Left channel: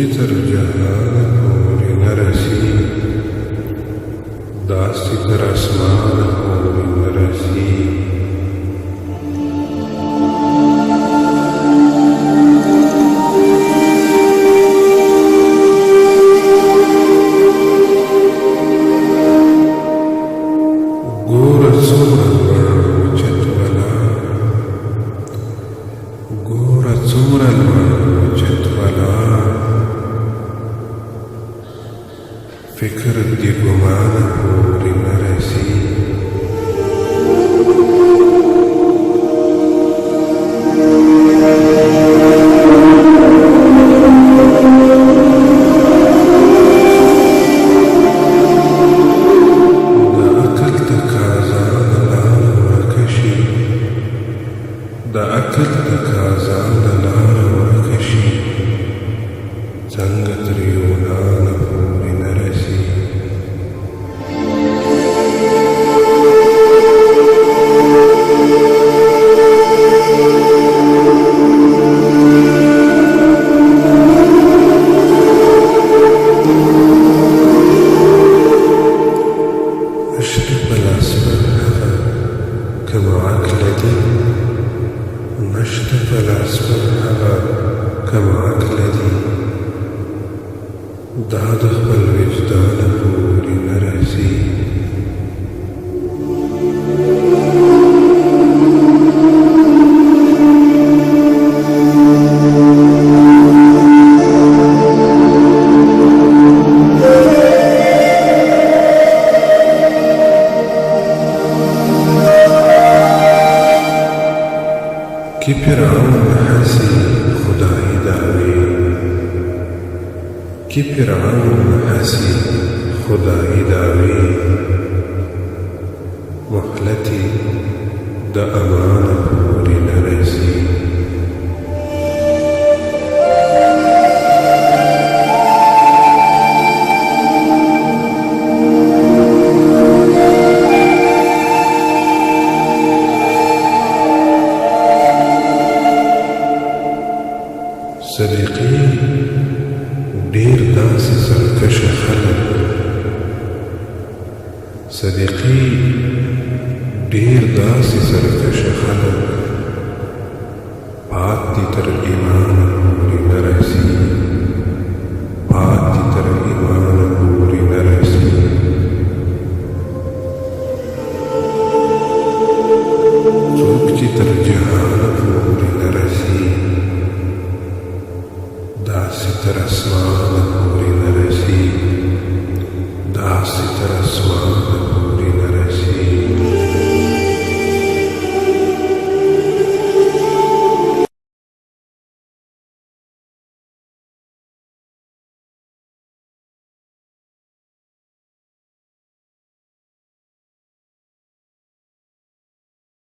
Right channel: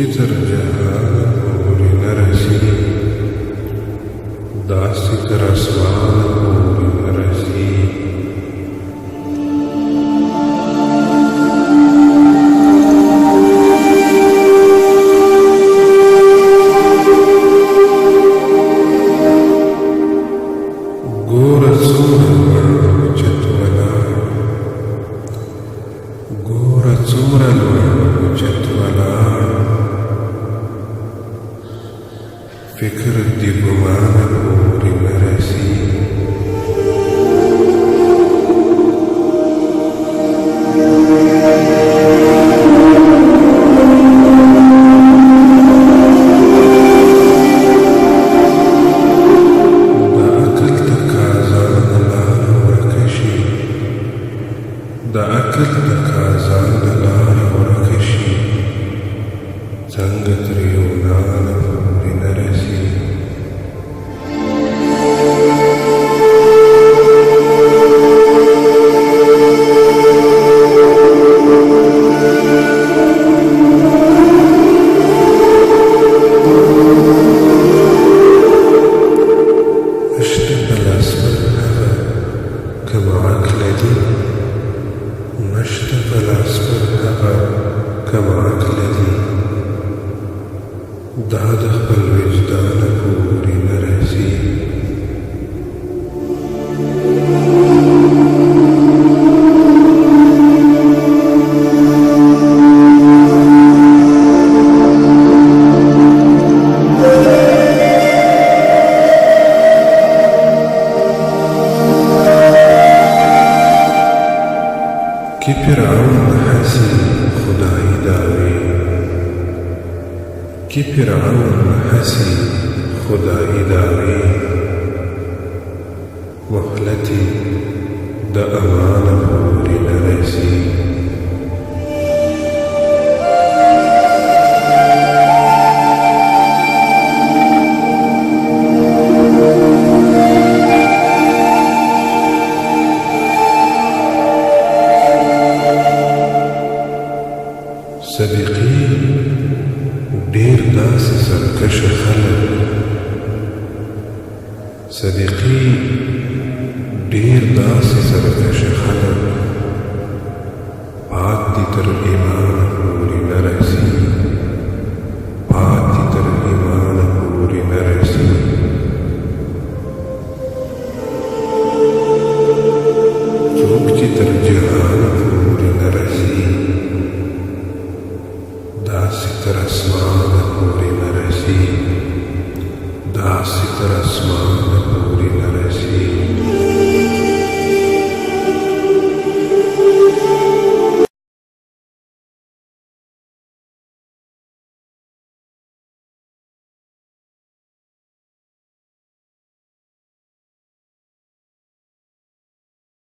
چې تر جهانه پورې نه رسي، داسې تر اسمانه پورې نه رسي. ګوره څومره لوړ اوچت ولاړ، ګوره څومره لوړ اوچت ولاړ، فکر دې ګمانه پورې نه رسي. د عقل تقاضا نه لاره ورکه شي، څنګه تر یونانه پورې نه رسي. نشته په لاس پر هغه کم عقله دي، نشته په لاس پر هغه کم عقله دي، دا د خپل وجدانه پورې نه رسي. که فرعون هسي خدای دعوی، که فرعون هسي خدای دعوی، مهلتي د امانه پورې نه رسي. صدیقي ډېر داسې سرکشه خلک، صدیقي ډېر داسې سرکشه خلک، پاتې تر ایمانه پورې نه رسي، پاتې تر ایمانه پورې نه رسي. څوک چې تر جهانه پورې نه رسي، داسې تر اسمانه پورې نه رسي، داسې تر اسمانه پورې نه رسي.